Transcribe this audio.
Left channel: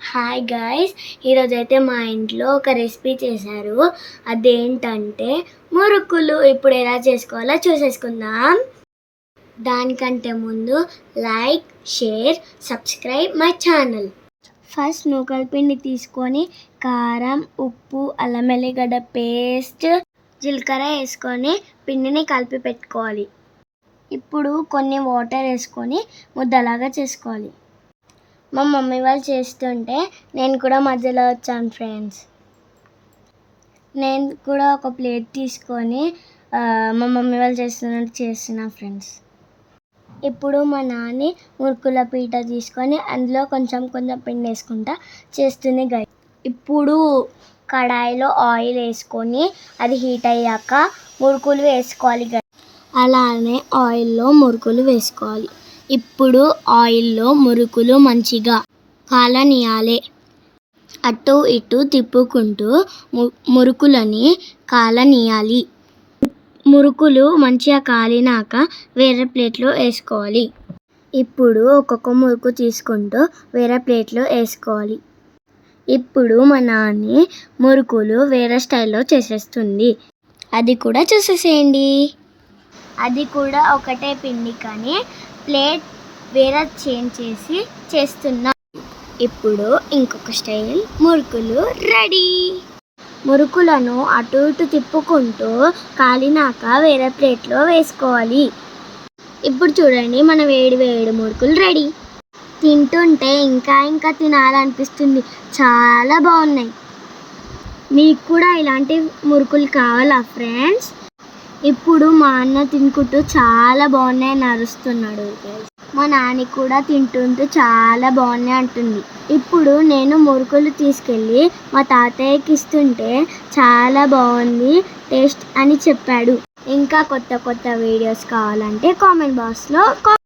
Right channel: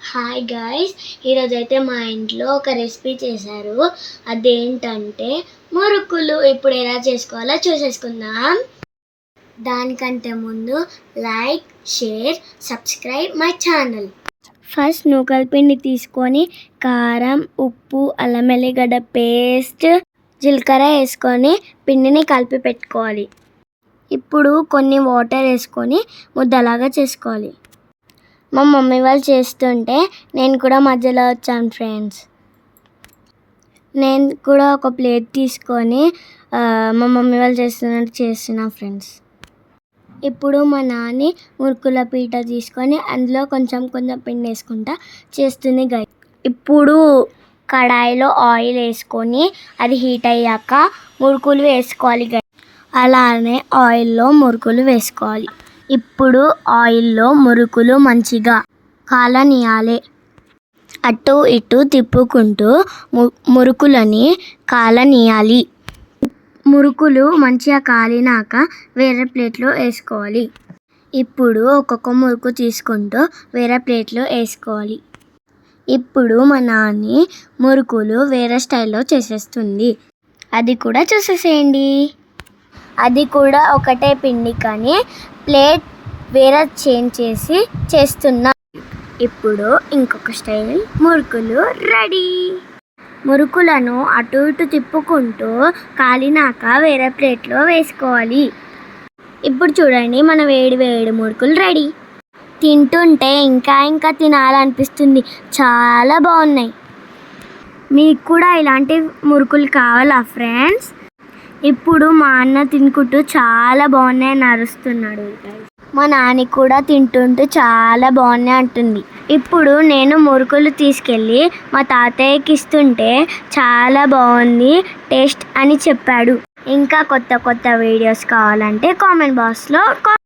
Hi guys, ఈరోజైతే మా ఇంట్లో ఒక రెసిపీ చేశారు. అదేంటంటే మురుకులు. ఇప్పుడు ఎలా చేసుకోవాలో చూసేసుకుందాం. దానికంటే ముందు like, share, subscribe my channel. First నూకల పిండి తీసుకొని కారం, ఉప్పు, అల్లం వెల్లిగడ్డ పేస్ట్, జీలకర్ర వేసుకొని పిండిని కలిపి పెట్టుకోవాలి. ఇప్పుడు కొన్ని వాటర్ వేసుకొని ముద్దలాగా చేసుకోవాలి. మా మమ్మీ వాళ్ళు చేస్తుంటే నేను కూడా మధ్యలో వచ్చాను ఫ్రెండ్స్. నేను కూడా ఒక ప్లేట్ తీసుకొని మా మమ్మీ వాళ్ళు చేస్తున్నట్టు చేస్తున్నా ఫ్రెండ్స్. ఇప్పుడు మా నాని మురుకుల పీట తీసుకొని అందులో కొంచెం పిండి వేసుకుంటా చేస్తుంది గైస్. ఇప్పుడు కడాయిలో ఆయిల్ వేసుకొని అది హీట్ అయ్యాక మురుకులు వేసుకోవాలి గైస్. అలానే ఆయిల్లో మురుకులు వేసుకోవాలి. ఇప్పుడు ఆయిల్లో మురుకులు మంచిగా కాలనియాలి. అటు ఇటు తిప్పుకుంటూ మురుకులని కాలనియాలి. మురుకులు మంచిగా కాలినాక వేరే ప్లేట్లో వేసుకోవాలి. ఇప్పుడు ఒక్కొక్క మురుకు తీసుకుంటూ వేరే ప్లేట్లో వేసుకోవాలి. ఇప్పుడు మా నాన్ని మురుకులు వేరే స్టైల్లో చేసేస్తుంది. అది కూడా చూసేసేయండి. అది కూడా ఒకటే పిండి కానీ ప్లేట్ వేరే చేంజ్ చేసి చేస్తున్నా. ఇప్పుడు ఇంకొక స్టైల్ మురుకులు రెడీ. మురుకులను అటు ఇటు తిప్పుకుంటూ కాలినాక వేరే ప్లేట్లో వేసుకోవాలి. ఇప్పుడు చూడండి, మన వేడి వేడి మురుకులు రెడీ. తింటుంటే ఇంకా తినాలనిపిస్తుంది. చాలా బాగున్నాయి. మీకు కూడా ఇలాంటి మురుకులు కావాలా ఫ్రెండ్స్? ఇప్పుడు మా అన్న తినుకుంటూ చాలా బాగున్నాయని అరుస్తున్నాడు. మా నాని కూడా తింటుంటూ చాలా బాగున్నాయి అంటుంది. ఇప్పుడు నేను మురుకులు తీసుకెళ్ళి మా తాతయ్యకి ఇస్తుంటే చాలా బాగుంది టేస్ట్ అని చెప్పాడు. ఇంకా కొత్త వీడియోస్ కావాలంటే కామెంట్ బాక్స్లో